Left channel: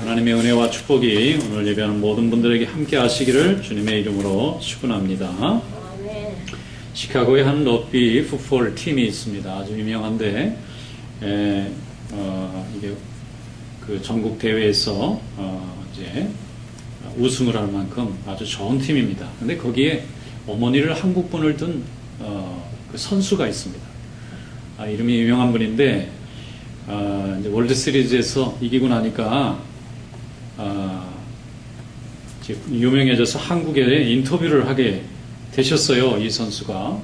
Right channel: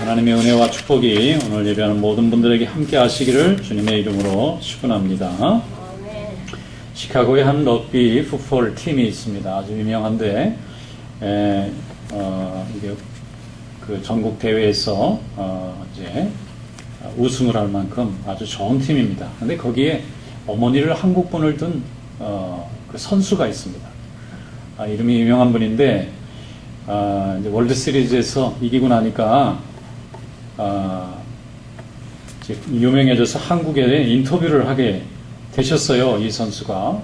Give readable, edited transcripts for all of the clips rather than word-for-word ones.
하나님의 은혜와 축복이 오늘 예배하는 모든 분들에게 함께 하시기를 주님의 이름으로 축원합니다. 시카고에 한 럭비 풋볼 팀이 있습니다. 아주 유명한데 이게 그 전국 대회에서 이제 우승을 할 만큼 아주 좋은 팀입니다. 근데 거기에 어머니를 한국 분을 둔 그 선수가 있습니다. 이름이 유명한 분인데 이제 월드 시리즈에서 이기고 나니까 유명해져서 한국에 인터뷰를 하게 되셨어요, 이 선수가.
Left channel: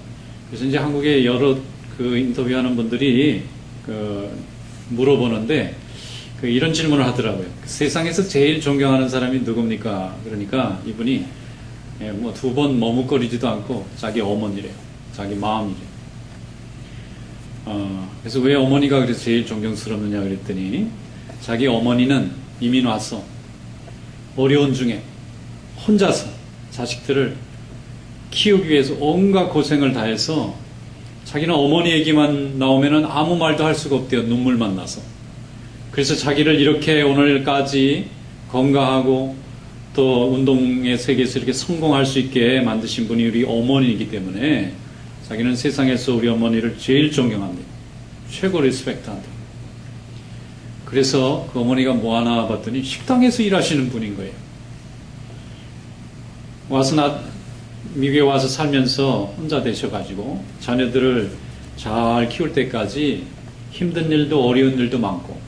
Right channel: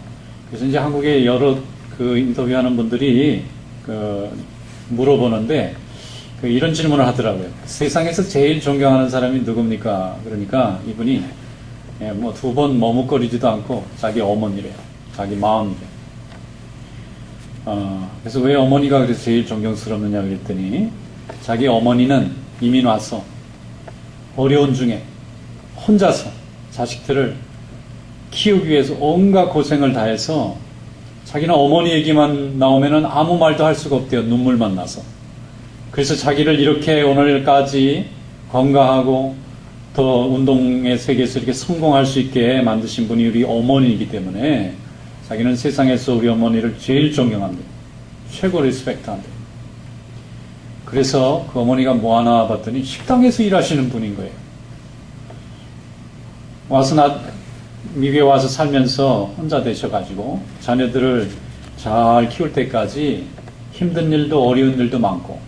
그래서 이제 한국에 여러 그 인터뷰하는 분들이 물어보는데 이런 질문을 하더라고요. 세상에서 제일 존경하는 사람이 누굽니까? 그러니까 이분이 뭐 두 번 머뭇거리지도 않고 자기 어머니래요. 자기 마음이래요. 그래서 왜 어머니가 그래서 제일 존경스럽느냐 그랬더니 자기 어머니는 이민 와서 어려운 중에 혼자서 자식들을 키우기 위해서 온갖 고생을 다해서 자기는 어머니 얘기만 나오면은 아무 말도 할 수가 없대요. 눈물만 나서. 그래서 자기를 이렇게 오늘까지 건강하고 또 운동의 세계에서 이렇게 성공할 수 있게 만드신 분이 우리 어머니이기 때문에 자기는 세상에서 우리 어머니를 제일 존경합니다. 최고 리스펙트한다. 그래서 그 어머니가 뭐 하나 봤더니 식당에서 일하시는 분인 거예요. 미국에 와서 살면서 혼자 되셔가지고 자녀들을 잘 키울 때까지 힘든 일도 어려운 일도 많고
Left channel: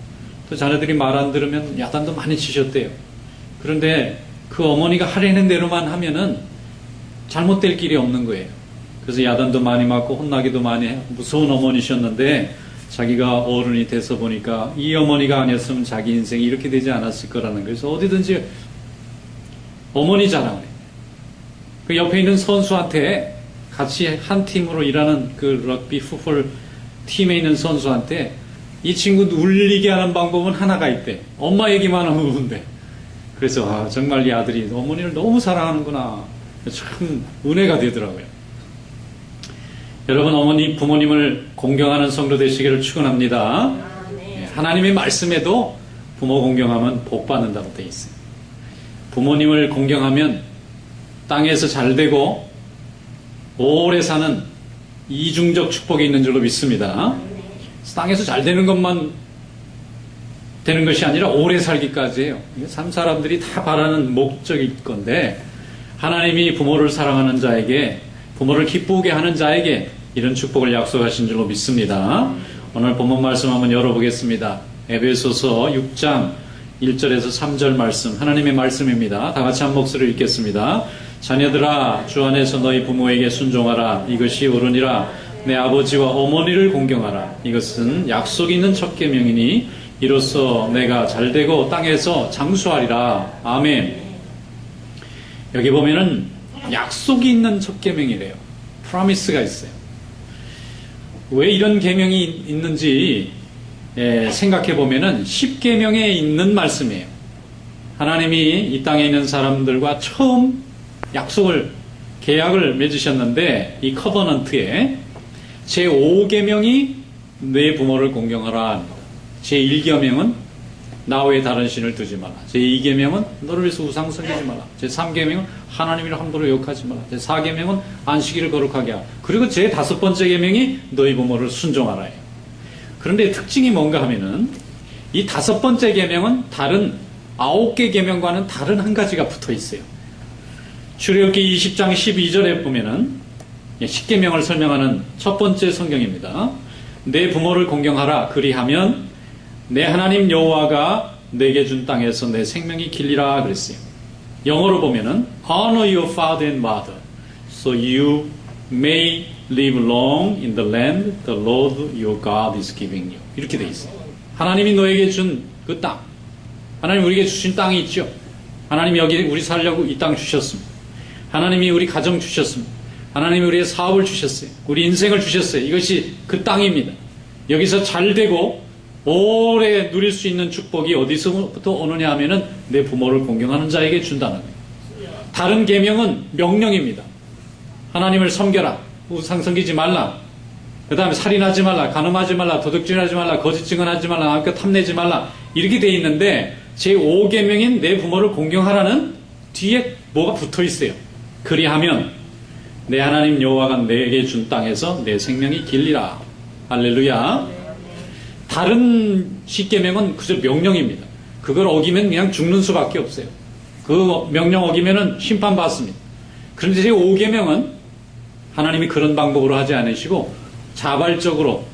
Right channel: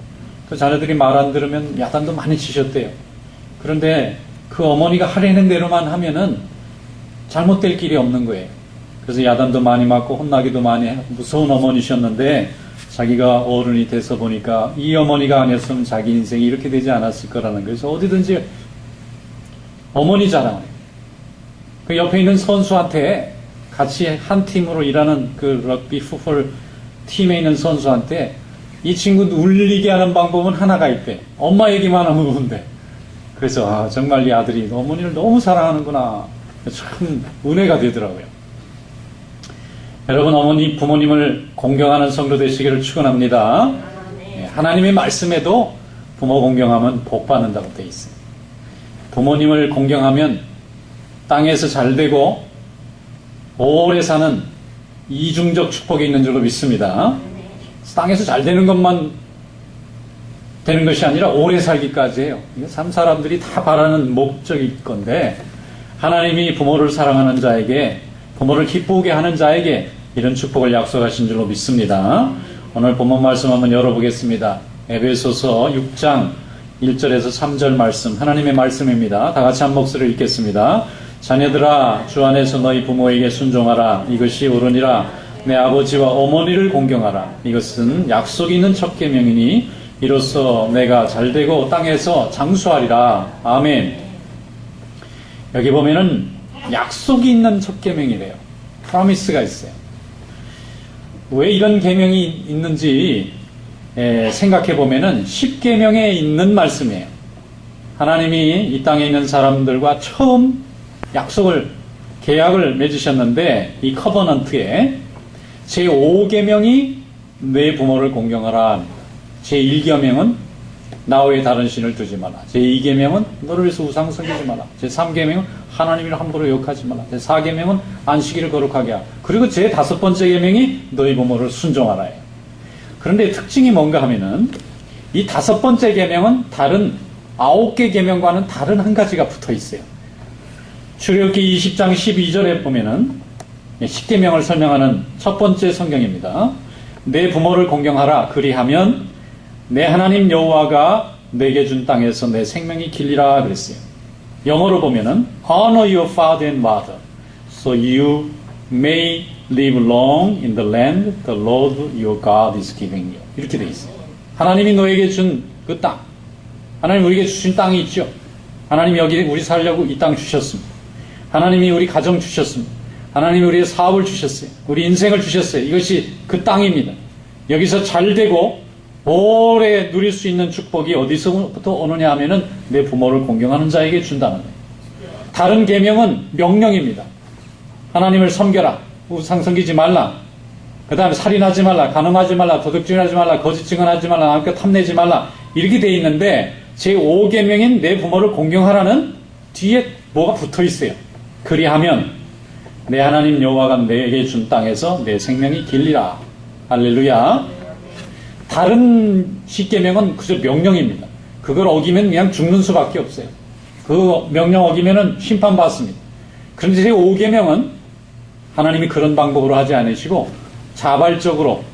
또 자녀들이 말 안 들으면 야단도 많이 치셨대요. 그런데 그 어머니가 하려는 대로만 하면은 잘못될 길이 없는 거예요. 그래서 야단도 많이 맞고 혼나기도 많이 해. 무서운 어머니셨는데 자기가 어른이 돼서 보니까 이 어머니가 아니었으면 자기 인생이 이렇게 되지 않았을 거라는 거예요. 그래서 어디든지 어머니 자랑을 해요. 그 옆에 있는 선수한테 같이 한 팀으로 일하는 그 럭비 풋볼 팀에 있는 선수한테 이 친구 울리게 하는 방법은 하나가 있대. 엄마 얘기만 하면 운대. 그래서 정말 이 아들이 어머니를 너무 사랑하는구나. 참 은혜가 되더라고요. 여러분 어머니 부모님을 공경하는 성도 되시기를 축원합니다. 하나님의 말씀에도 부모 공경하면 복 받는다고 되어 있어요. 부모님을 공경하면 땅에서 잘되고 오래 사는 이중적 축복이 있는 줄로 믿습니다. 땅에서 잘되는 것만 되는 것이 아니라 오래 살기까지 해요. 이게 참 사람들이 다 바라는 목적일 건데 하나님이 부모를 사랑하는 자에게 부모를 기쁘게 하는 자에게 이런 축복을 약속하신 줄로 믿습니다. 오늘 본문 말씀 한번 열어보겠습니다. 에베소서 6장 1절에서 3절 말씀 하나님의 말씀입니다. 다 같이 한 목소리를 읽겠습니다. 자녀들아 주 안에서 너희 부모에게 순종하라. 이것이 옳으니라. 내 아버지와 어머니를 공경하라. 이것은 약속이 있는 첫 계명이니 이로써 내가 잘되고 땅에서 장수하리라. 아멘. 여기 보면은 약속이 있는 첫 계명이래요. 프로미스가 있어요. 왜 이런 계명이 있는지 생각해 보면은 10계명에 있는 말씀이에요. 하나님이 이 땅에 있는 사람들과 처음 계약을 맺으셨는데 이 커버넌트에 제5계명이 내 부모를 공경하라. 제1계명은 나 외에 다른 신을 두지 마라. 제2계명은 너를 위해서 우상 섬기지 마라. 제3계명은 하나님이라 함부로 욕하지 마라. 제4계명은 안식일을 거룩하게 하라. 그리고 제5번째 계명이 너희 부모를 순종하라예요. 그런데 특징이 뭔가 하면은 이 5번째 계명은 다른 9개 계명과는 다른 한 가지가 붙어 있어요. 출애굽기 20장 12절에 보면은 10계명을 설명하는 첫 번째 성경입니다. 내 부모를 공경하라. 그리하면 내 하나님 여호와가 내게 준 땅에서 내 생명이 길리라 그랬어요. 영어로 보면은 Honor your father and mother so you may live long in the land the Lord your God is giving you. 이렇게 돼 있어요. 하나님이 너에게 준 그 땅. 하나님 우리에게 주신 땅이 있죠. 하나님이 여기 우리 살려고 이 땅 주셨습니다. 하나님이 우리 가정 주셨습니다. 하나님이 우리의 사업을 주셨어요. 우리 인생을 주셨어요. 이것이 그 땅입니다. 여기서 잘되고 오래 누릴 수 있는 축복이 어디서부터 오느냐 하면은 내 부모를 공경하는 자에게 준다는 거예요. 다른 계명은 명령입니다. 하나님을 섬겨라. 우상 섬기지 말라. 그 다음에 살인하지 말라. 간음하지 말라. 도둑질하지 말라. 거짓 증언하지 말라. 남과 탐내지 말라. 이렇게 돼 있는데 제5계명인 내 부모를 공경하라는 뒤에 뭐가 붙어 있어요. 그리하면 내 하나님 여호와가 내게 준 땅에서 내 생명이 길리라. 할렐루야. 다른 10계명은 그저 명령입니다. 그걸 어기면 그냥 죽는 수밖에 없어요. 그 명령 어기면은 심판받습니다. 그런데 제5계명은 하나님이 그런 방법으로 하지 않으시고 자발적으로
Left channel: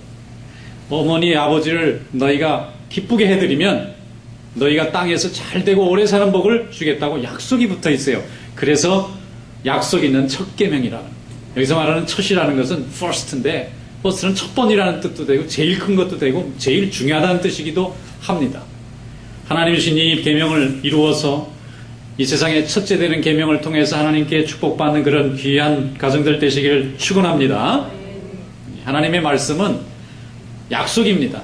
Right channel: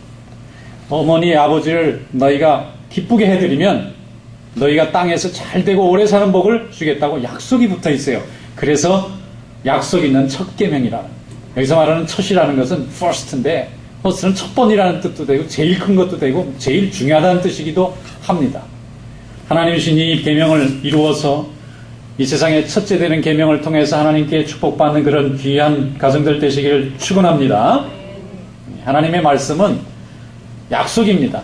어머니 아버지를 너희가 기쁘게 해드리면 너희가 땅에서 잘되고 오래 사는 복을 주겠다고 약속이 붙어 있어요. 그래서 약속 있는 첫 계명이라는, 여기서 말하는 첫이라는 것은 first인데 first는 첫 번이라는 뜻도 되고 제일 큰 것도 되고 제일 중요하다는 뜻이기도 합니다. 하나님이 주신 이 계명을 이루어서 이 세상의 첫째 되는 계명을 통해서 하나님께 축복받는 그런 귀한 가정들 되시기를 축원합니다. 하나님의 말씀은 약속입니다.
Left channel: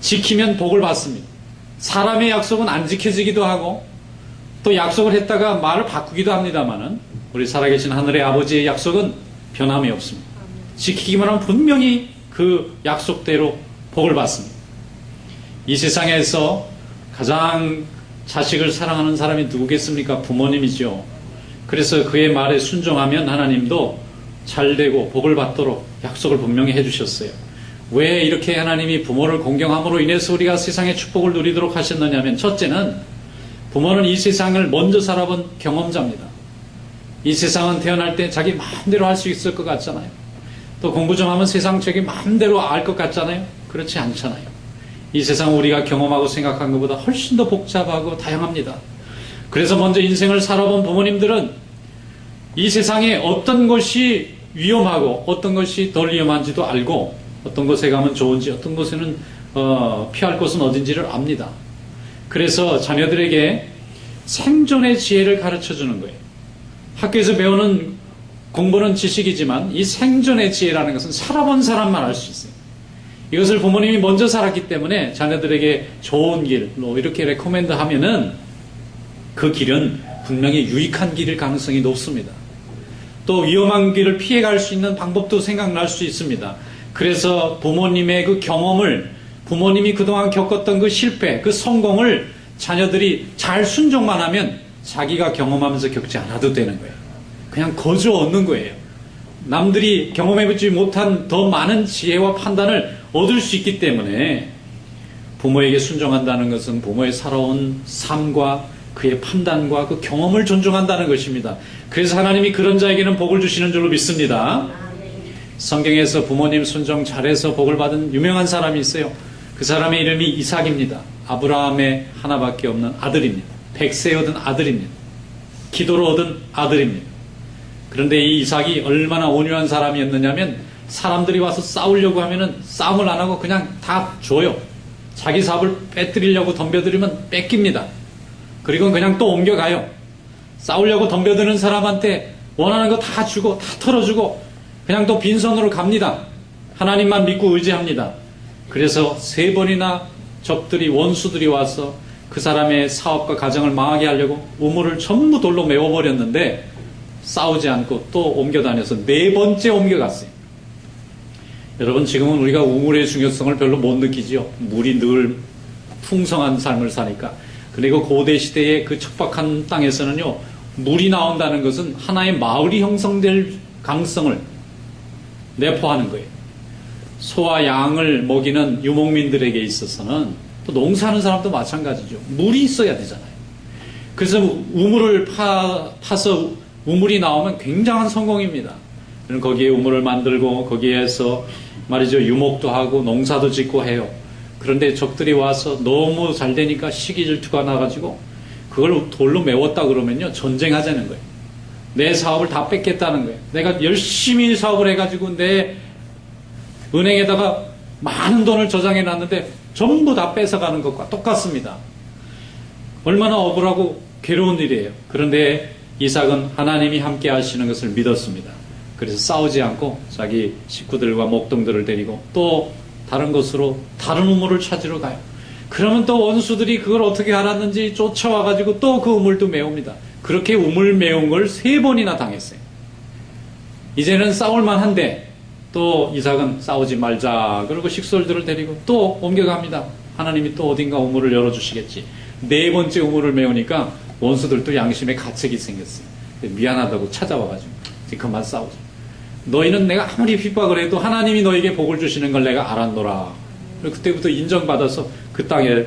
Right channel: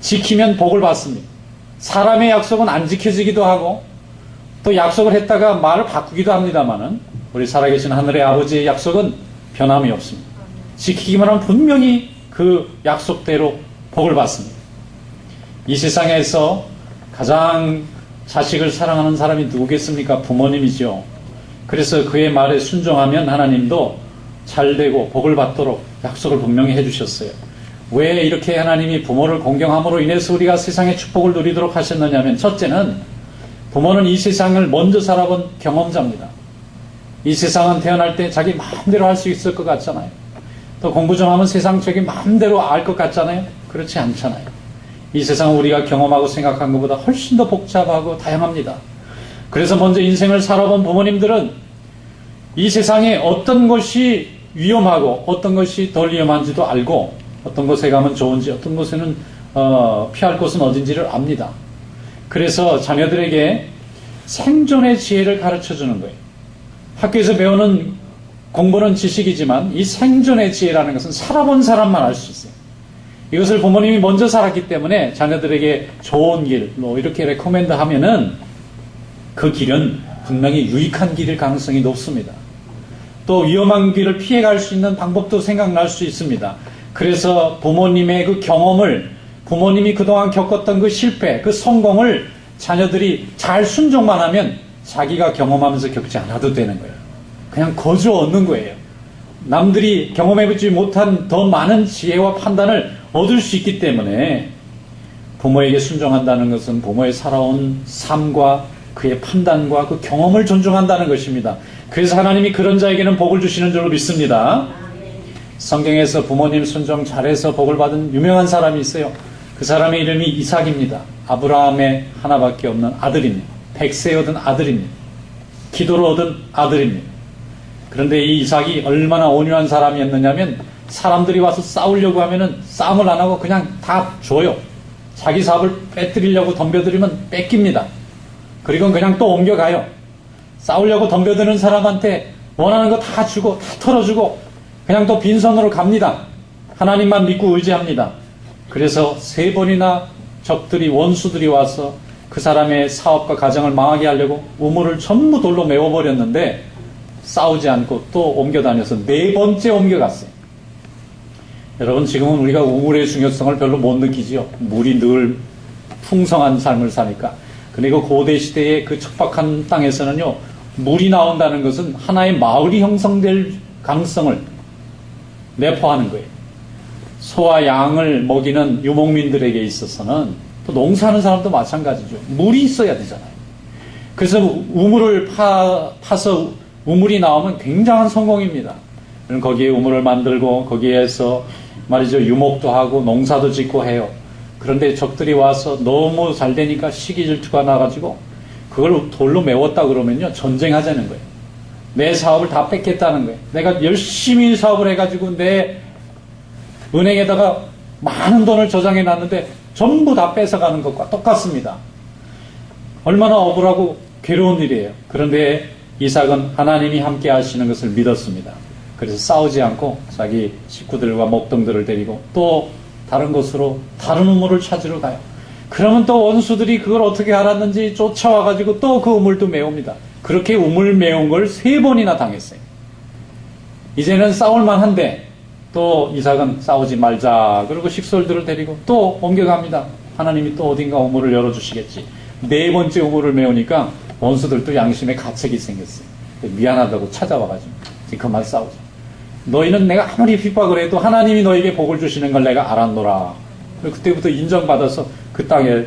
지키면 복을 받습니다. 사람의 약속은 안 지켜지기도 하고 또 약속을 했다가 말을 바꾸기도 합니다만은 우리 살아계신 하늘의 아버지의 약속은 변함이 없습니다. 지키기만 하면 분명히 그 약속대로 복을 받습니다. 이 세상에서 가장 자식을 사랑하는 사람이 누구겠습니까? 부모님이죠. 그래서 그의 말에 순종하면 하나님도 잘되고 복을 받도록 약속을 분명히 해주셨어요. 왜 이렇게 하나님이 부모를 공경함으로 인해서 우리가 세상의 축복을 누리도록 하셨느냐면, 첫째는 부모는 이 세상을 먼저 살아본 경험자입니다. 이 세상은 태어날 때 자기 마음대로 할 수 있을 것 같잖아요. 또 공부 좀 하면 세상 자기 마음대로 알 것 같잖아요. 그렇지 않잖아요. 이 세상은 우리가 경험하고 생각한 것보다 훨씬 더 복잡하고 다양합니다. 그래서 먼저 인생을 살아본 부모님들은 이 세상에 어떤 것이 위험하고 어떤 것이 덜 위험한지도 알고 어떤 곳에 가면 좋은지 어떤 곳에는 피할 곳은 어딘지를 압니다. 그래서 자녀들에게 생존의 지혜를 가르쳐주는 거예요. 학교에서 배우는 공부는 지식이지만 이 생존의 지혜라는 것은 살아본 사람만 알 수 있어요. 이것을 부모님이 먼저 살았기 때문에 자녀들에게 좋은 길, 이렇게 레코멘드 하면은 그 길은 분명히 유익한 길일 가능성이 높습니다. 또 위험한 길을 피해갈 수 있는 방법도 생각날 수 있습니다. 그래서 부모님의 그 경험을, 부모님이 그동안 겪었던 그 실패, 그 성공을 자녀들이 잘 순종만 하면 자기가 경험하면서 겪지 않아도 되는 거예요. 그냥 거저 얻는 거예요. 남들이 경험해보지 못한 더 많은 지혜와 판단을 얻을 수 있기 때문에 부모에게 순종한다는 것은 부모의 살아온 삶과 그의 판단과 그 경험을 존중한다는 것입니다. 그래서 하나님이 그런 자에게는 복을 주시는 줄로 믿습니다. 성경에서 부모님 순종 잘해서 복을 받은 유명한 사람이 있어요. 그 사람의 이름이 이삭입니다. 아브라함의 하나밖에 없는 아들입니다. 백세에 얻은 아들입니다. 기도로 얻은 아들입니다. 그런데 이 이삭이 얼마나 온유한 사람이었느냐면 사람들이 와서 싸우려고 하면은 싸움을 안 하고 그냥 다 줘요. 자기 사업을 빼뜨리려고 덤벼들이면 뺏깁니다. 그리고 그냥 또 옮겨가요. 싸우려고 덤벼드는 사람한테 원하는 거 다 주고 다 털어주고 그냥 또 빈손으로 갑니다. 하나님만 믿고 의지합니다. 그래서 3번이나 적들이, 원수들이 와서 그 사람의 사업과 가정을 망하게 하려고 우물을 전부 돌로 메워버렸는데 싸우지 않고 또 옮겨다녀서 4번째 옮겨갔어요. 여러분, 지금은 우리가 우물의 중요성을 별로 못 느끼지요. 물이 늘 풍성한 삶을 사니까. 그리고 고대 시대의 그 척박한 땅에서는요, 물이 나온다는 것은 하나의 마을이 형성될 가능성을 내포하는 거예요. 소와 양을 먹이는 유목민들에게 있어서는 또 농사하는 사람도 마찬가지죠. 물이 있어야 되잖아요. 그래서 우물을 파서 우물이 나오면 굉장한 성공입니다. 거기에 우물을 만들고 거기에서 말이죠, 유목도 하고 농사도 짓고 해요. 그런데 적들이 와서 너무 잘 되니까 시기 질투가 나가지고 그걸 돌로 메웠다 그러면요, 전쟁하자는 거예요. 내 사업을 다 뺏겠다는 거예요. 내가 열심히 사업을 해가지고 내 은행에다가 많은 돈을 저장해 놨는데 전부 다 뺏어가는 것과 똑같습니다. 얼마나 억울하고 괴로운 일이에요. 그런데 이삭은 하나님이 함께 하시는 것을 믿었습니다. 그래서 싸우지 않고 자기 식구들과 목동들을 데리고 또 다른 곳으로 다른 우물을 찾으러 가요. 그러면 또 원수들이 그걸 어떻게 알았는지 쫓아와가지고 또 그 우물도 메웁니다. 그렇게 우물 메운 걸 3번이나 당했어요. 이제는 싸울만한데 또 이삭은 싸우지 말자 그러고 식솔들을 데리고 또 옮겨갑니다. 하나님이 또 어딘가 우물을 열어주시겠지. 네 번째 우물을 메우니까 원수들도 양심의 가책이 생겼어요. 미안하다고 찾아와가지고 이제 그만 싸우자. 너희는 내가 아무리 핍박을 해도 하나님이 너에게 복을 주시는 걸 내가 알았노라. 그때부터 인정받아서 그 땅에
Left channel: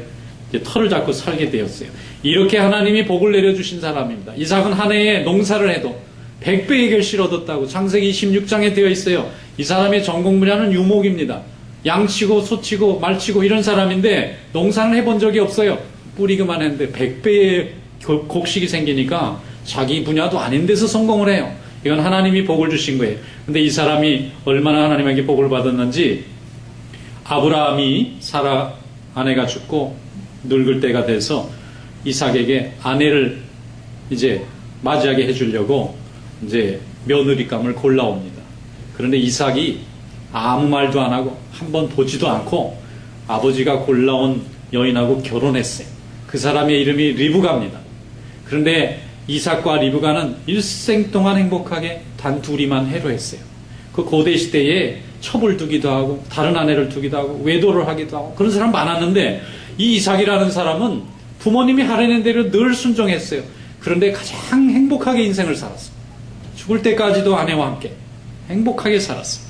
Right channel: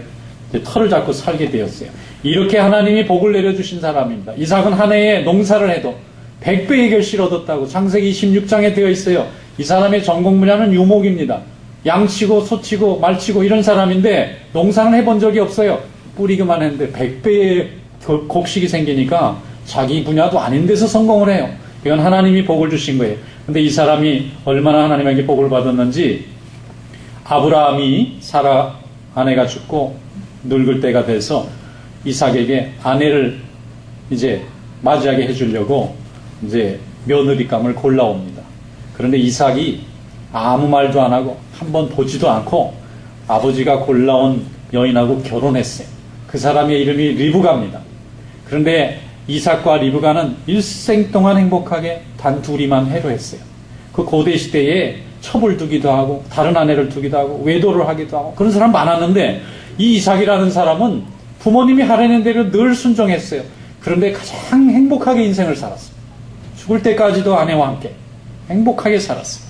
터를 잡고 살게 되었어요. 이렇게 하나님이 복을 내려주신 사람입니다. 이삭은 한 해에 농사를 해도 100배의 결실을 얻었다고 창세기 26장에 되어 있어요. 이 사람의 전공 분야는 유목입니다. 양치고 소치고 말치고 이런 사람인데 농사는 해본 적이 없어요. 뿌리기만 했는데 100배의 곡식이 생기니까 자기 분야도 아닌 데서 성공을 해요. 이건 하나님이 복을 주신 거예요. 근데 이 사람이 얼마나 하나님에게 복을 받았는지, 아브라함이 사라 아내가 죽고 늙을 때가 돼서 이삭에게 아내를 이제 맞이하게 해주려고 이제 며느리감을 골라옵니다. 그런데 이삭이 아무 말도 안 하고 한번 보지도 않고 아버지가 골라온 여인하고 결혼했어요. 그 사람의 이름이 리브가입니다. 그런데 이삭과 리브가는 일생 동안 행복하게 단 둘이만 해로했어요. 그 고대 시대에 첩을 두기도 하고 다른 아내를 두기도 하고 외도를 하기도 하고 그런 사람 많았는데, 이 이삭이라는 사람은 부모님이 하라는 대로 늘 순종했어요. 그런데 가장 행복하게 인생을 살았어요. 죽을 때까지도 아내와 함께 행복하게 살았어요.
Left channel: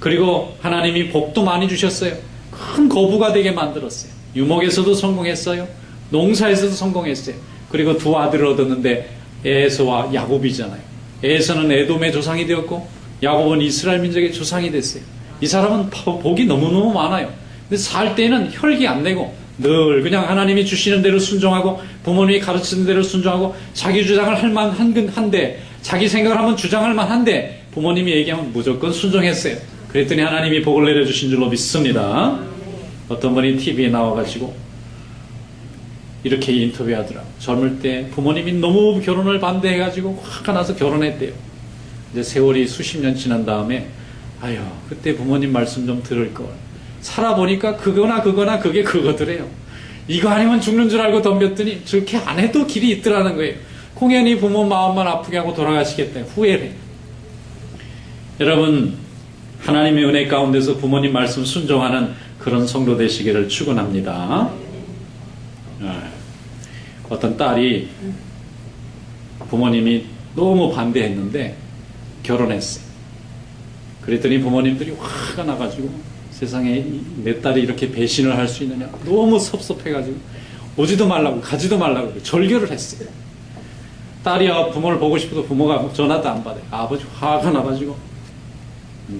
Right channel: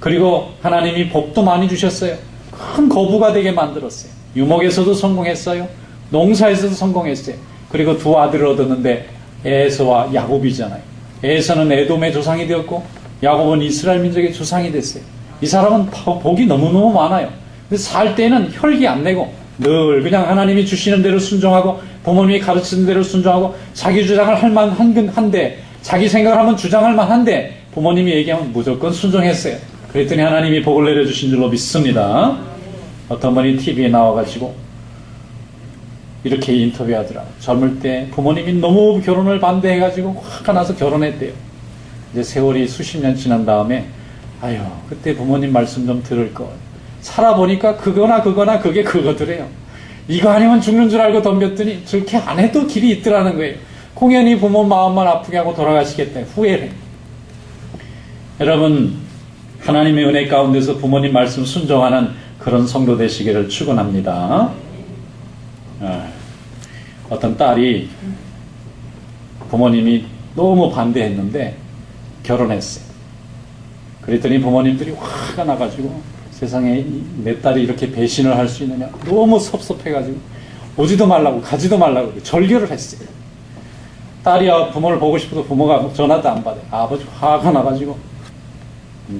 그리고 하나님이 복도 많이 주셨어요. 큰 거부가 되게 만들었어요. 유목에서도 성공했어요. 농사에서도 성공했어요. 그리고 두 아들을 얻었는데 에서와 야곱이잖아요. 에서는 에돔의 조상이 되었고 야곱은 이스라엘 민족의 조상이 됐어요. 이 사람은 복이 너무너무 많아요. 근데 살 때는 혈기 안 내고 늘 그냥 하나님이 주시는 대로 순종하고 부모님이 가르치는 대로 순종하고 자기 주장을 할 만한데, 자기 생각을 하면 주장할 만한데 부모님이 얘기하면 무조건 순종했어요. 그랬더니 하나님이 복을 내려주신 줄로 믿습니다. 어떤 분이 TV에 나와가지고 이렇게 인터뷰하더라고요. 젊을 때 부모님이 너무 결혼을 반대해가지고 화가 나서 결혼했대요. 이제 세월이 수십 년 지난 다음에 아유 그때 부모님 말씀 좀 들을 걸. 살아보니까 그거나 그게 그거더래요. 이거 아니면 죽는 줄 알고 덤볐더니 저렇게 안 해도 길이 있더라는 거예요. 공연히 부모 마음만 아프게 하고 돌아가시겠다. 후회를. 여러분, 하나님의 은혜 가운데서 부모님 말씀 순종하는 그런 성도 되시기를 축원합니다. 어떤 딸이 부모님이 너무 반대했는데 결혼했어요. 그랬더니 부모님들이 화가 나가지고 세상에 내 딸이 이렇게 배신을 할 수 있느냐, 너무 섭섭해가지고 오지도 말라고 가지도 말라고 절교를 했어요. 딸이 부모를 보고 싶어도 부모가 전화도 안 받아요. 아버지 화가 나가지고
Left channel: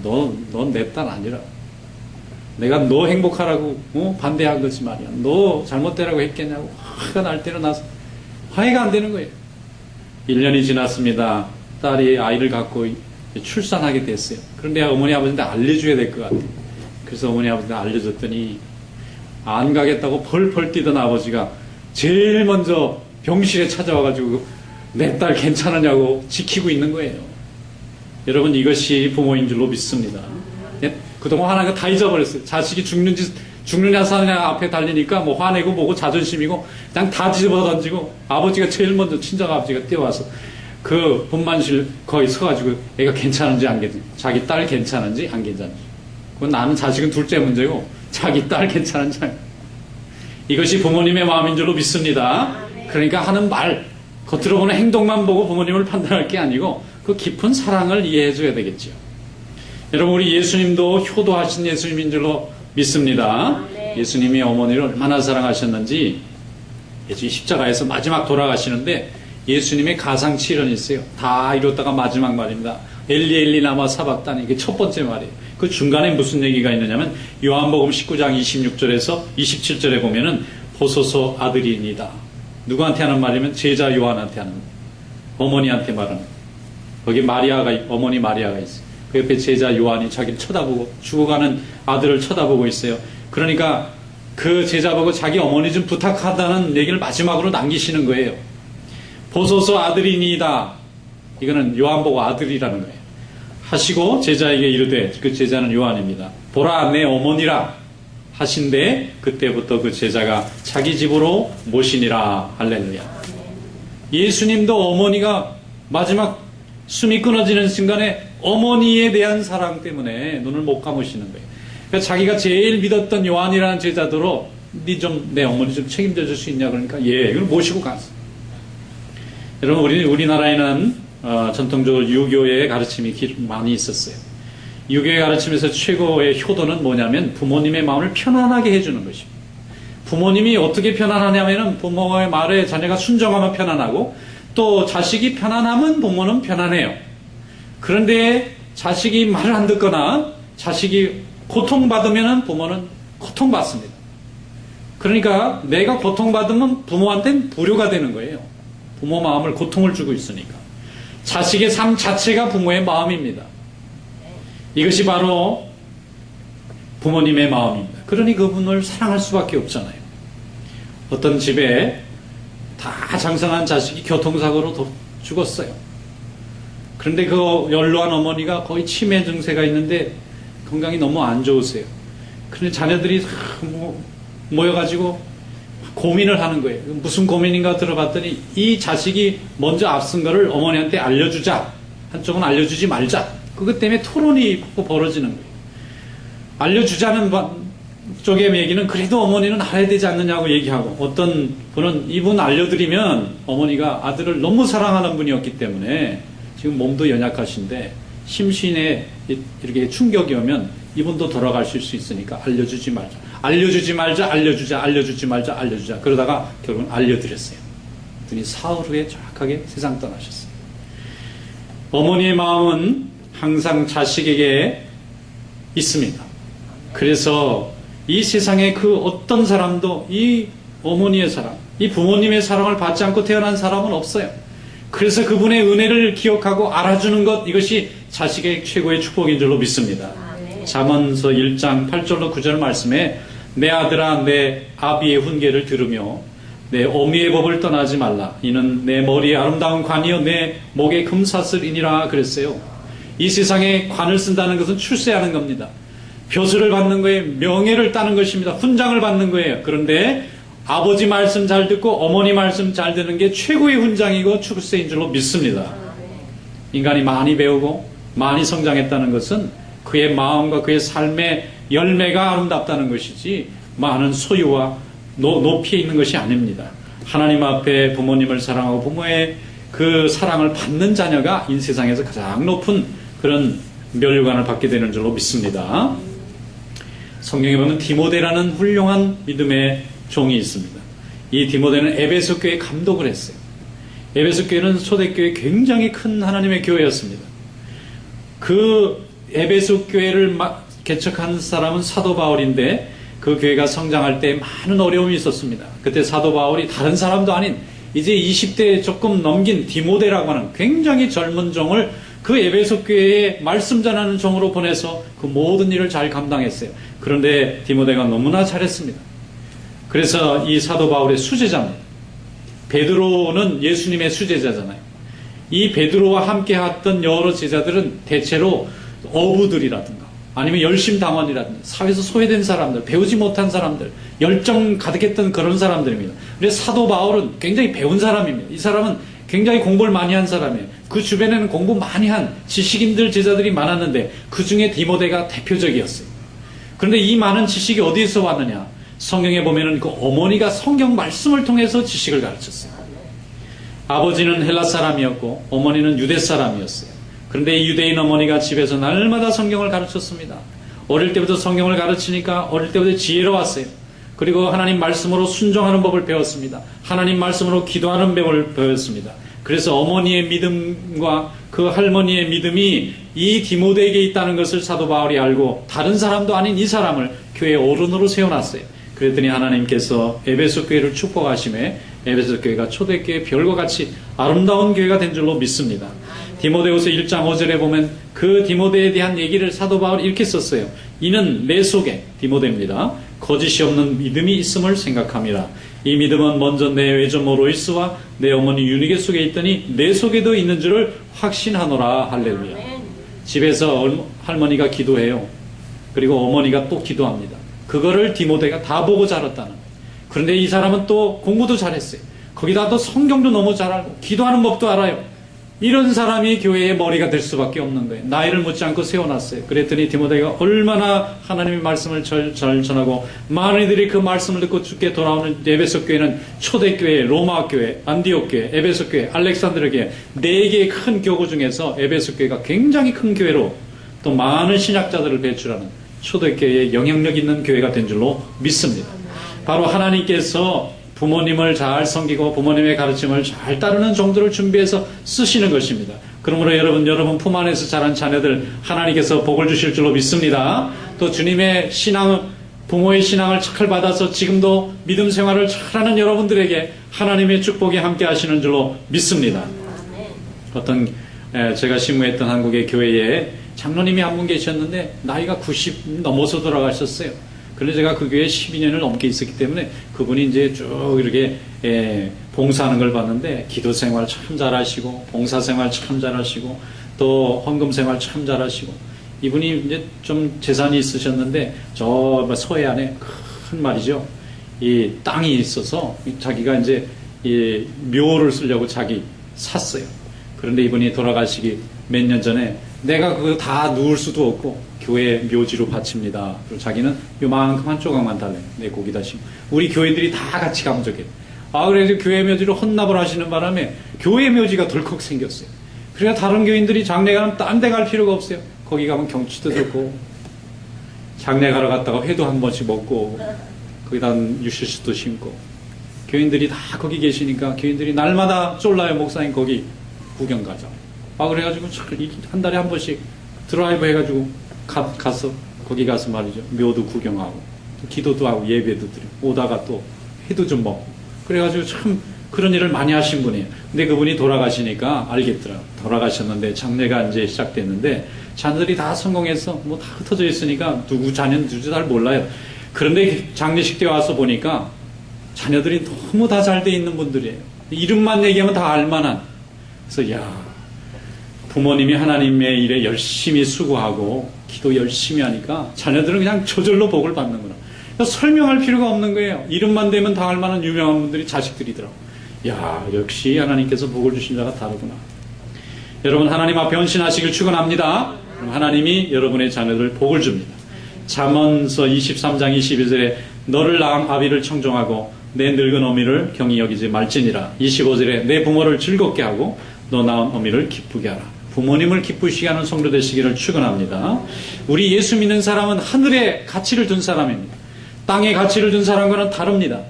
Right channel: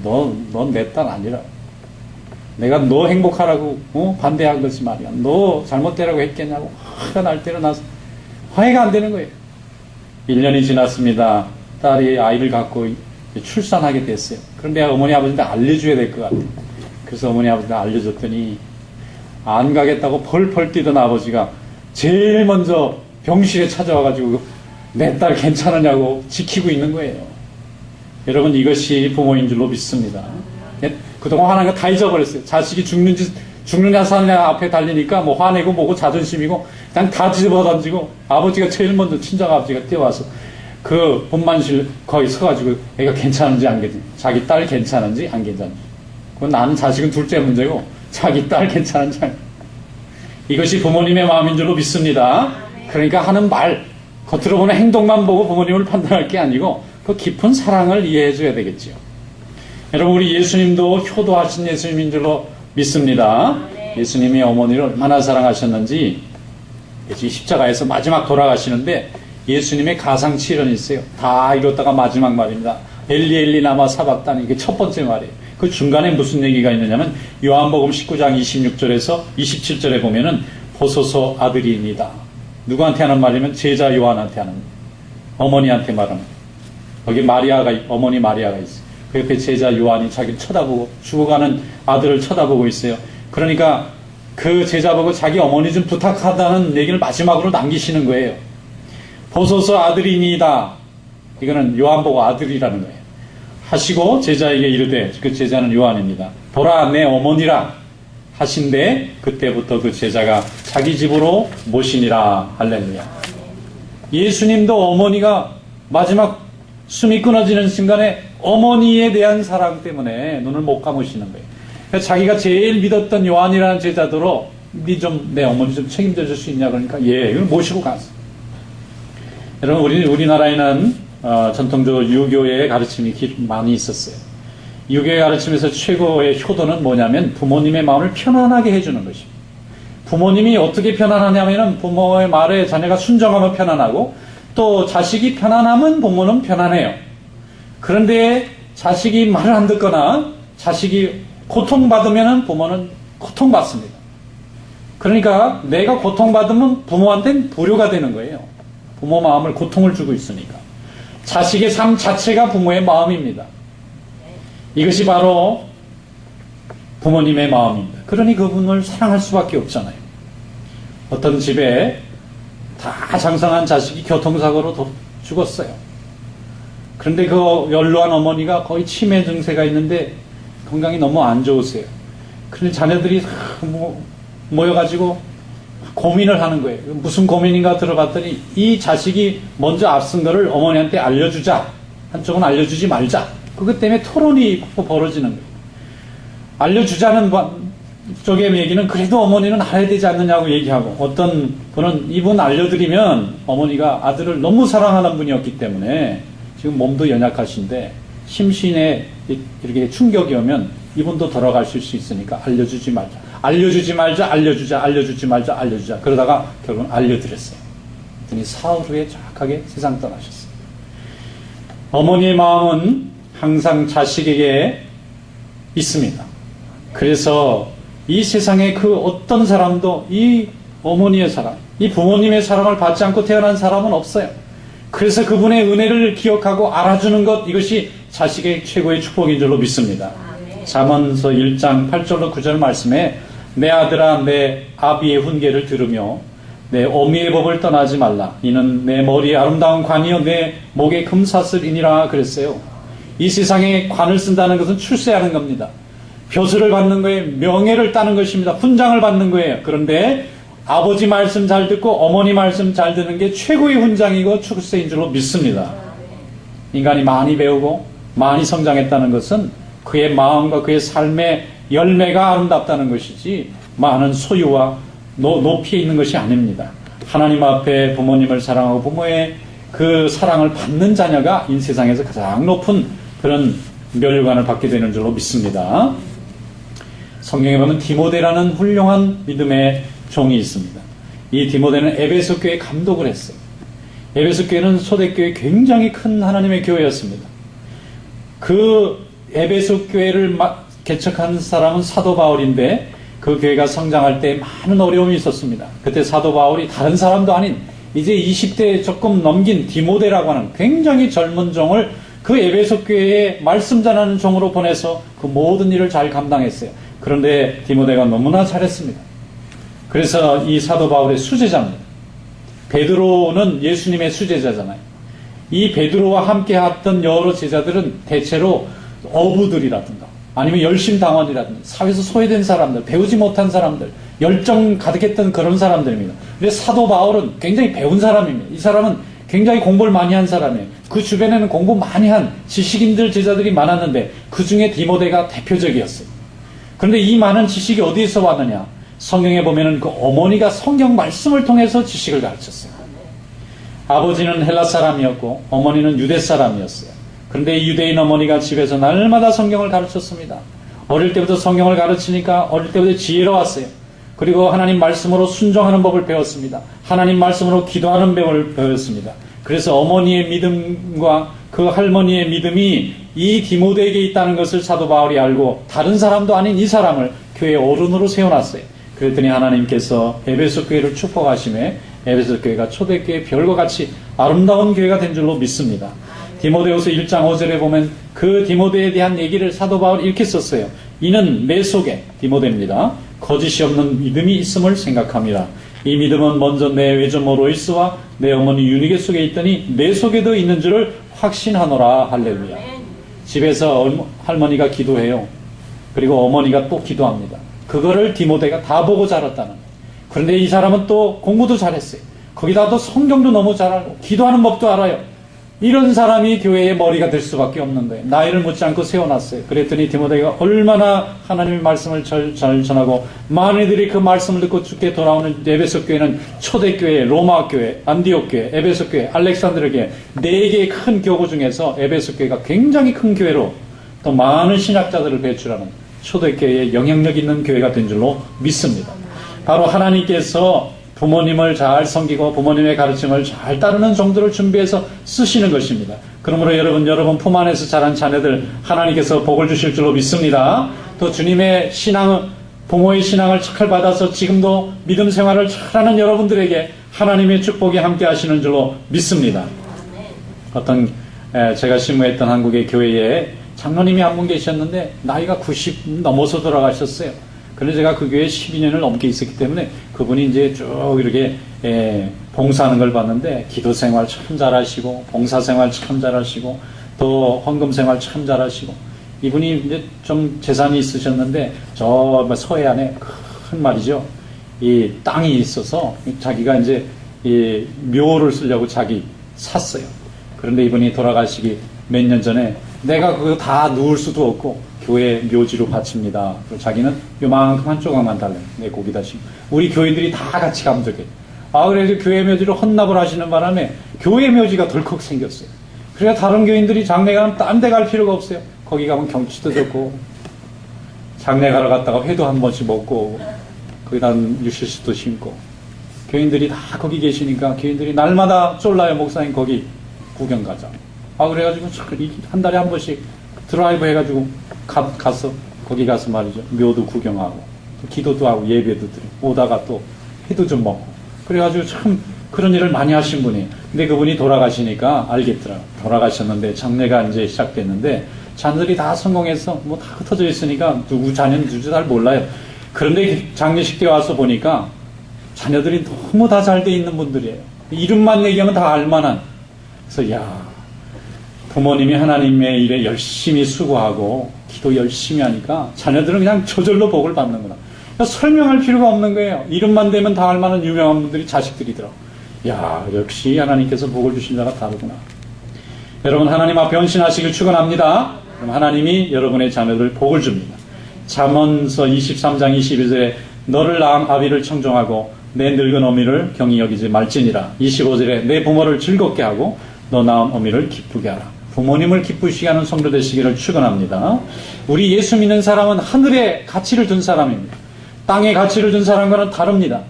넌 내 딸 아니라 내가 너 행복하라고 반대한 거지 말이야. 너 잘못되라고 했겠냐고 화가 날 때로 나서 화해가 안 되는 거예요. 1년이 지났습니다. 딸이 아이를 갖고 출산하게 됐어요. 그런데 어머니 아버지한테 알려줘야 될 것 같아요. 그래서 어머니 아버지한테 알려줬더니 안 가겠다고 펄펄 뛰던 아버지가 제일 먼저 병실에 찾아와가지고 내 딸 괜찮으냐고 지키고 있는 거예요. 여러분, 이것이 부모인 줄로 믿습니다. 그동안 화난 거 다 잊어버렸어요. 자식이 죽느냐 사느냐 앞에 달리니까 뭐 화내고 뭐고 자존심이고 그냥 다 집어 던지고, 아버지가 제일 먼저 친정 아버지가 뛰어와서 그 분만실 거기 서가지고 애가 괜찮은지 안 괜찮은지, 자기 딸 괜찮은지 안 괜찮은지, 그건 나는 자식은 둘째 문제고 자기 딸 괜찮은지 안, 이것이 부모님의 마음인 줄로 믿습니다. 그러니까 하는 말, 겉으로 보는 행동만 보고 부모님을 판단할 게 아니고 그 깊은 사랑을 이해해 줘야 되겠지요. 여러분, 우리 예수님도 효도하신 예수님인 줄로 믿습니다. 예수님이 어머니를 얼마나 사랑하셨는지, 예수님 십자가에서 마지막 돌아가시는데 예수님의 가상칠언이 있어요. 다 이뤘다가 마지막 말입니다. 엘리 엘리 라마 사박다니, 이게 첫 번째 말이에요. 그 중간에 무슨 얘기가 있느냐면 요한복음 19장 26절에서 27절에 보면은 보소서 아들이니다. 누구한테 하는 말이면 제자 요한한테 하는, 어머니한테 말하는. 거기 어머니 마리아가 있어요. 그 옆에 제자 요한이 자기를 쳐다보고, 죽어가는 아들을 쳐다보고 있어요. 그러니까 그 제자 보고 자기 어머니 좀 부탁하다는 얘기를 마지막으로 남기시는 거예요. 보소서 아들이니이다. 이거는 요한 보고 아들이라는 거예요. 하시고 제자에게 이르되, 그 제자는 요한입니다. 보라 내 어머니라 하신데, 그때부터 그 제자가 자기 집으로 모시니라. 할렐루야. 예수님도 어머니가 마지막 숨이 끊어지는 순간에 어머니에 대한 사랑 때문에 눈을 못 감으시는 거예요. 그러니까 자기가 제일 믿었던 요한이라는 제자도로 내 어머니 좀 책임져 줄 수 있냐 그러니까 예, 이걸 모시고 갔어. 여러분 우리나라에는 전통적으로 유교의 가르침이 많이 있었어요. 유교의 가르침에서 최고의 효도는 뭐냐면 부모님의 마음을 편안하게 해주는 것입니다. 부모님이 어떻게 편안하냐면은 부모의 말에 자녀가 순종하면 편안하고 또 자식이 편안하면 부모는 편안해요. 그런데 자식이 말을 안 듣거나 자식이 고통받으면 부모는 고통받습니다. 그러니까 내가 고통받으면 부모한테는 불효가 되는 거예요. 부모 마음을 고통을 주고 있으니까. 자식의 삶 자체가 부모의 마음입니다. 이것이 바로 부모님의 마음입니다. 그러니 그분을 사랑할 수밖에 없잖아요. 어떤 집에 다 장성한 자식이 교통사고로 죽었어요. 그런데 그 연로한 어머니가 거의 치매 증세가 있는데 건강이 너무 안 좋으세요. 그런데 자녀들이 모여가지고 고민을 하는 거예요. 무슨 고민인가 들어봤더니 이 자식이 먼저 앞선 거를 어머니한테 알려주자. 한쪽은 알려주지 말자. 그것 때문에 토론이 벌어지는 거예요. 알려주자는 쪽의 얘기는 그래도 어머니는 알아야 되지 않느냐고 얘기하고, 어떤 분은 이분 알려드리면 어머니가 아들을 너무 사랑하는 분이었기 때문에 지금 몸도 연약하신데 심신에 이렇게 충격이 오면 이분도 돌아가실 수 있으니까 알려주지 말자. 알려주지 말자, 알려주자, 알려주지 말자, 알려주자. 그러다가 결국은 알려드렸어요. 그랬더니 사흘 후에 정확하게 세상 떠나셨어요. 어머니의 마음은 항상 자식에게 있습니다. 그래서 이 세상에 그 어떤 사람도 이 어머니의 사랑, 이 부모님의 사랑을 받지 않고 태어난 사람은 없어요. 그래서 그분의 은혜를 기억하고 알아주는 것, 이것이 자식의 최고의 축복인 줄로 믿습니다. 잠언서 1장 8절로 9절 말씀에 내 아들아 내 아비의 훈계를 들으며 내 어미의 법을 떠나지 말라. 이는 내 머리에 아름다운 관이요 내 목에 금사슬이니라 그랬어요. 이 세상에 관을 쓴다는 것은 출세하는 겁니다. 벼슬을 받는 거예요. 명예를 따는 것입니다. 훈장을 받는 거예요. 그런데 아버지 말씀 잘 듣고 어머니 말씀 잘 듣는 게 최고의 훈장이고 출세인 줄로 믿습니다. 인간이 많이 배우고 많이 성장했다는 것은 그의 마음과 그의 삶의 열매가 아름답다는 것이지 많은 소유와 높이에 있는 것이 아닙니다. 하나님 앞에 부모님을 사랑하고 부모의 그 사랑을 받는 자녀가 이 세상에서 가장 높은 그런 멸류관을 받게 되는 줄로 믿습니다. 성경에 보면 디모데라는 훌륭한 믿음의 종이 있습니다. 이 디모데는 에베소 교회 감독을 했어요. 에베소 교회는 초대교회 굉장히 큰 하나님의 교회였습니다. 그 에베소 교회를 개척한 사람은 사도 바울인데 그 교회가 성장할 때 많은 어려움이 있었습니다. 그때 사도 바울이 다른 사람도 아닌 이제 20대 조금 넘긴 디모데라고 하는 굉장히 젊은 종을 그 에베소 교회에 말씀 전하는 종으로 보내서 그 모든 일을 잘 감당했어요. 그런데 디모데가 너무나 잘했습니다. 그래서 이 사도 바울의 수제자입니다. 베드로는 예수님의 수제자잖아요. 이 베드로와 함께 했던 여러 제자들은 대체로 어부들이라든가 아니면 열심당원이라든가 사회에서 소외된 사람들, 배우지 못한 사람들, 열정 가득했던 그런 사람들입니다. 그래서 사도 바울은 굉장히 배운 사람입니다. 이 사람은 굉장히 공부를 많이 한 사람이에요. 그 주변에는 공부 많이 한 지식인들 제자들이 많았는데 그 중에 디모데가 대표적이었어요. 그런데 이 많은 지식이 어디에서 왔느냐? 성경에 보면은 그 어머니가 성경 말씀을 통해서 지식을 가르쳤어요. 아버지는 헬라 사람이었고 어머니는 유대 사람이었어요. 그런데 이 유대인 어머니가 집에서 날마다 성경을 가르쳤습니다. 어릴 때부터 성경을 가르치니까 어릴 때부터 지혜로웠어요. 그리고 하나님 말씀으로 순종하는 법을 배웠습니다. 하나님 말씀으로 기도하는 법을 배웠습니다. 그래서 어머니의 믿음과 그 할머니의 믿음이 이 디모데에게 있다는 것을 사도 바울이 알고 다른 사람도 아닌 이 사람을 교회의 어른으로 세워놨어요. 그랬더니 하나님께서 에베소 교회를 축복하심에 에베소 교회가 초대교회 별과 같이 아름다운 교회가 된 줄로 믿습니다. 디모데후서 1장 5절에 보면 그 디모데에 대한 얘기를 사도 바울이 이렇게 썼어요. 이는 내 속에, 디모데입니다, 거짓이 없는 믿음이 있음을 생각함이라. 이 믿음은 먼저 내 외조모 로이스와 내 어머니 유니게 속에 있더니 내 속에도 있는 줄을 확신하노라. 할렐루야. 집에서 할머니가 기도해요. 그리고 어머니가 또 기도합니다. 그거를 디모데가 다 보고 자랐다는 거예요. 그런데 이 사람은 또 공부도 잘했어요. 거기다 또 성경도 너무 잘 알고 기도하는 법도 알아요. 이런 사람이 교회의 머리가 될 수밖에 없는 거예요. 나이를 묻지 않고 세워놨어요. 그랬더니 디모데가 얼마나 하나님의 말씀을 잘 전하고 많은 이들이 그 말씀을 듣고 죽게 돌아오는 에베소 교회는 초대교회, 로마 교회, 안디옥 교회, 에베소 교회, 알렉산드르 교회 4개의 큰 교구 중에서 에베소 교회가 굉장히 큰 교회로 또 많은 신학자들을 배출하는 초대교회의 영향력 있는 교회가 된 줄로 믿습니다. 바로 하나님께서 부모님을 잘 섬기고 부모님의 가르침을 잘 따르는 정도를 준비해서 쓰시는 것입니다. 그러므로 여러분 품 안에서 자란 자녀들 하나님께서 복을 주실 줄로 믿습니다. 또 주님의 신앙, 부모의 신앙을 잘 받아서 지금도 믿음 생활을 잘하는 여러분들에게 하나님의 축복이 함께 하시는 줄로 믿습니다. 어떤 제가 신무했던 한국의 교회에 장로님이 한 분 계셨는데 나이가 90 넘어서 돌아가셨어요. 그래서 제가 그 교회에 12년을 넘게 있었기 때문에 그분이 이제 쭉 이렇게 봉사하는 걸 봤는데 기도 생활 참 잘하시고 봉사 생활 참 잘하시고 또 헌금 생활 참 잘하시고 이분이 이제 좀 재산이 있으셨는데 저 서해안에 큰 말이죠. 이 땅이 있어서 자기가 이제 이 묘를 쓰려고 자기 샀어요. 그런데 이분이 돌아가시기 몇 년 전에 내가 그거 다 누울 수도 없고 교회 묘지로 바칩니다. 그리고 자기는 요만큼 한 조각만 달래요. 내 거기다 심. 우리 교인들이 다 같이 감족해. 그래서 교회 묘지로 헌납을 하시는 바람에 교회 묘지가 덜컥 생겼어요. 그래서 다른 교인들이 장례 가면 딴 데 갈 필요가 없어요. 거기 가면 경치도 좋고 장례 가러 갔다가 회도 한 번씩 먹고 거기다 유실수도 심고 교인들이 다 거기 계시니까 교인들이 날마다 쫄라요. 목사님 거기 구경 가자. 그래가지고 한 달에 한 번씩 드라이브 해가지고 가서 거기 가서 말이죠. 묘도 구경하고 또 기도도 하고 예배도 드리고 오다가 또 회도 좀 먹고 그래가지고 참 그런 일을 많이 하신 분이에요. 근데 그분이 돌아가시니까 알겠더라. 돌아가셨는데 장례가 이제 시작됐는데 자녀들이 다 성공해서 뭐 다 흩어져 있으니까 누구 자녀는 누구 잘 몰라요. 그런데 장례식 때 와서 보니까 자녀들이 너무 다 잘 돼 있는 분들이에요. 이름만 얘기하면 다 알만한. 그래서 부모님이 하나님의 일에 열심히 수고하고 기도 열심히 하니까 자녀들은 그냥 저절로 복을 받는구나. 설명할 필요가 없는 거예요. 이름만 대면 다 알만한 유명한 분들이 자식들이더라고. 역시 하나님께서 복을 주신 자가 다르구나. 여러분 하나님 앞에 헌신하시길 축원합니다. 하나님이 여러분의 자녀들 복을 줍니다. 잠언서 23장 21절에 너를 낳은 아비를 청종하고 내 늙은 어미를 경히 여기지 말지니라. 25절에 내 부모를 즐겁게 하고 너 낳은 어미를 기쁘게 하라. 부모님을 기쁘시게 하는 성도 되시기를 축원합니다. 우리 예수 믿는 사람은 하늘에 가치를 둔 사람입니다. 땅에 가치를 둔 사람과는 다릅니다.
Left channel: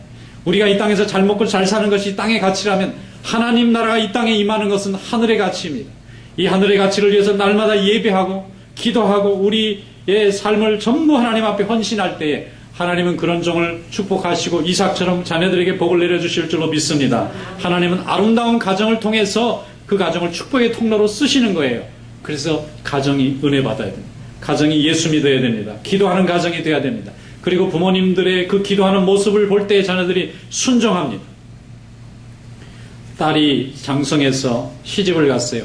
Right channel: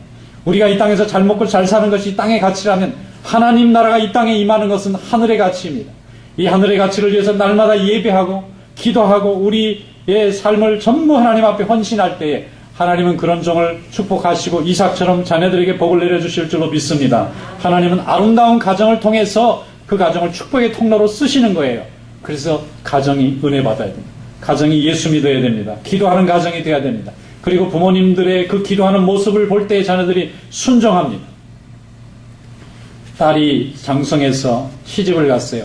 우리가 이 땅에서 잘 먹고 잘 사는 것이 땅의 가치라면 하나님 나라가 이 땅에 임하는 것은 하늘의 가치입니다. 이 하늘의 가치를 위해서 날마다 예배하고 기도하고 우리의 삶을 전부 하나님 앞에 헌신할 때에 하나님은 그런 종을 축복하시고 이삭처럼 자녀들에게 복을 내려주실 줄로 믿습니다. 하나님은 아름다운 가정을 통해서 그 가정을 축복의 통로로 쓰시는 거예요. 그래서 가정이 은혜 받아야 됩니다. 가정이 예수 믿어야 됩니다. 기도하는 가정이 되어야 됩니다. 그리고 부모님들의 그 기도하는 모습을 볼 때 자녀들이 순종합니다. 딸이 장성해서 시집을 갔어요.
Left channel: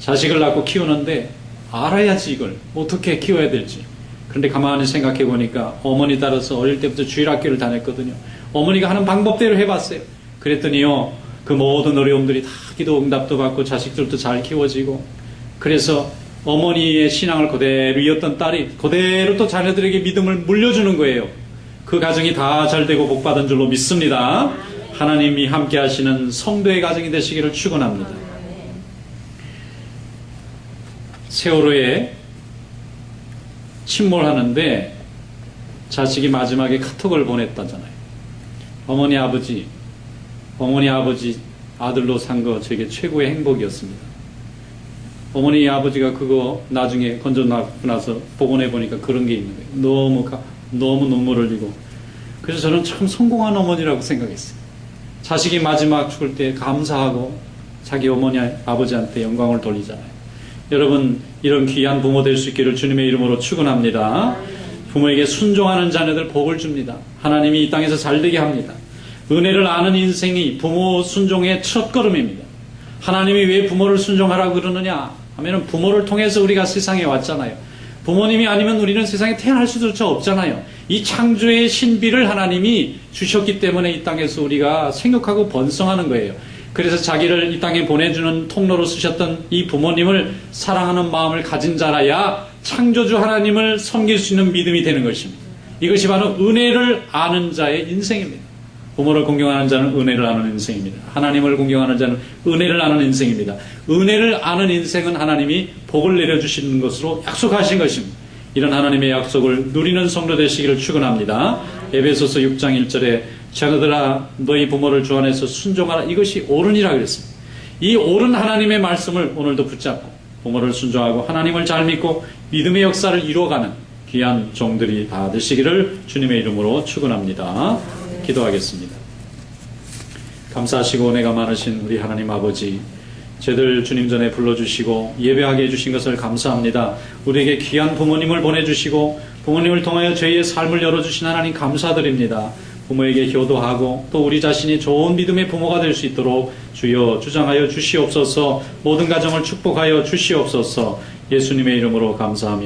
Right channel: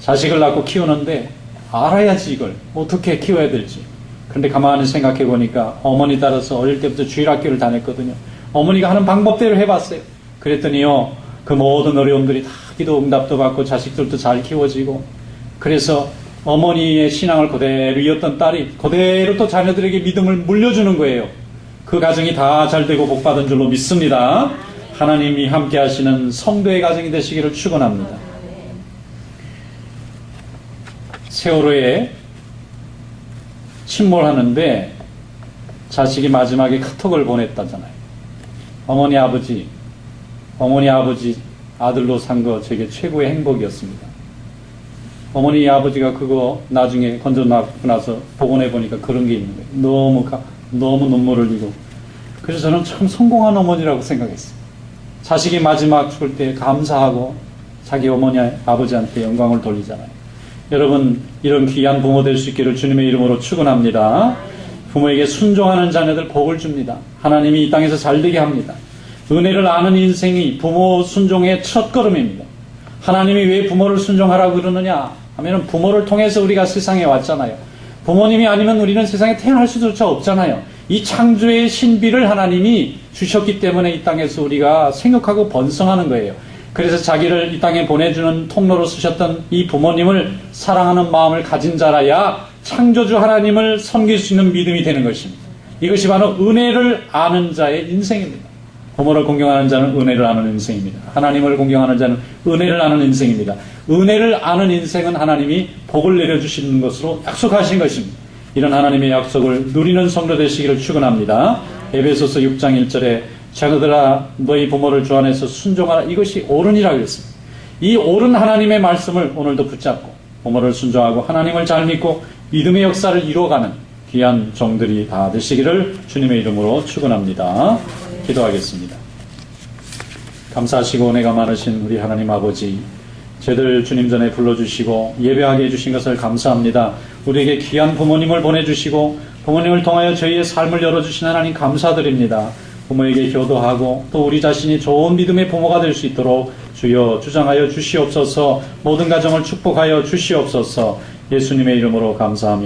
자식을 낳고 키우는데 알아야지 이걸 어떻게 키워야 될지. 그런데 가만히 생각해 보니까 어머니 따라서 어릴 때부터 주일학교를 다녔거든요. 어머니가 하는 방법대로 해봤어요. 그랬더니요, 그 모든 어려움들이 다 기도 응답도 받고 자식들도 잘 키워지고, 그래서 어머니의 신앙을 그대로 이었던 딸이 그대로 또 자녀들에게 믿음을 물려주는 거예요. 그 가정이 다 잘되고 복받은 줄로 믿습니다. 하나님이 함께 하시는 성도의 가정이 되시기를 축원합니다. 세월호에 침몰하는데 자식이 마지막에 카톡을 보냈다잖아요. 어머니 아버지 아들로 산 거 제게 최고의 행복이었습니다. 어머니 아버지가 그거 나중에 건져놓고 나서 복원해 보니까 그런 게 있는 거예요. 너무 눈물을 흘리고. 그래서 저는 참 성공한 어머니라고 생각했어요. 자식이 마지막 죽을 때 감사하고 자기 어머니 아버지한테 영광을 돌리잖아요. 여러분 이런 귀한 부모 될 수 있기를 주님의 이름으로 축원합니다. 부모에게 순종하는 자녀들 복을 줍니다. 하나님이 이 땅에서 잘되게 합니다. 은혜를 아는 인생이 부모 순종의 첫 걸음입니다. 하나님이 왜 부모를 순종하라고 그러느냐 하면 부모를 통해서 우리가 세상에 왔잖아요. 부모님이 아니면 우리는 세상에 태어날 수조차 없잖아요. 이 창조의 신비를 하나님이 주셨기 때문에 이 땅에서 우리가 생육하고 번성하는 거예요. 그래서 자기를 이 땅에 보내주는 통로로 쓰셨던 이 부모님을 사랑하는 마음을 가진 자라야 창조주 하나님을 섬길 수 있는 믿음이 되는 것입니다. 이것이 바로 은혜를 아는 자의 인생입니다. 부모를 공경하는 자는 은혜를 아는 인생입니다. 하나님을 공경하는 자는 은혜를 아는 인생입니다. 은혜를 아는 인생은 하나님이 복을 내려주시는 것으로 약속하신 것입니다. 이런 하나님의 약속을 누리는 성도 되시기를 축원합니다. 에베소서 6장 1절에 자녀들아 너희 부모를 주 안에서 순종하라. 이것이 옳으니라 그랬습니다. 이 옳은 하나님의 말씀을 오늘도 붙잡고 부모를 순종하고 하나님을 잘 믿고 믿음의 역사를 이루어가는 귀한 종들이 다 되시기를 주님의 이름으로 축원합니다. 기도하겠습니다. 감사하시고 은혜가 많으신 우리 하나님 아버지, 저희들 주님 전에 불러주시고 예배하게 해주신 것을 감사합니다. 우리에게 귀한 부모님을 보내주시고 부모님을 통하여 저희의 삶을 열어주신 하나님 감사드립니다. 부모에게 효도하고 또 우리 자신이 좋은 믿음의 부모가 될 수 있도록 주여 주장하여 주시옵소서. 모든 가정을 축복하여 주시옵소서. 예수님의 이름으로 감사하며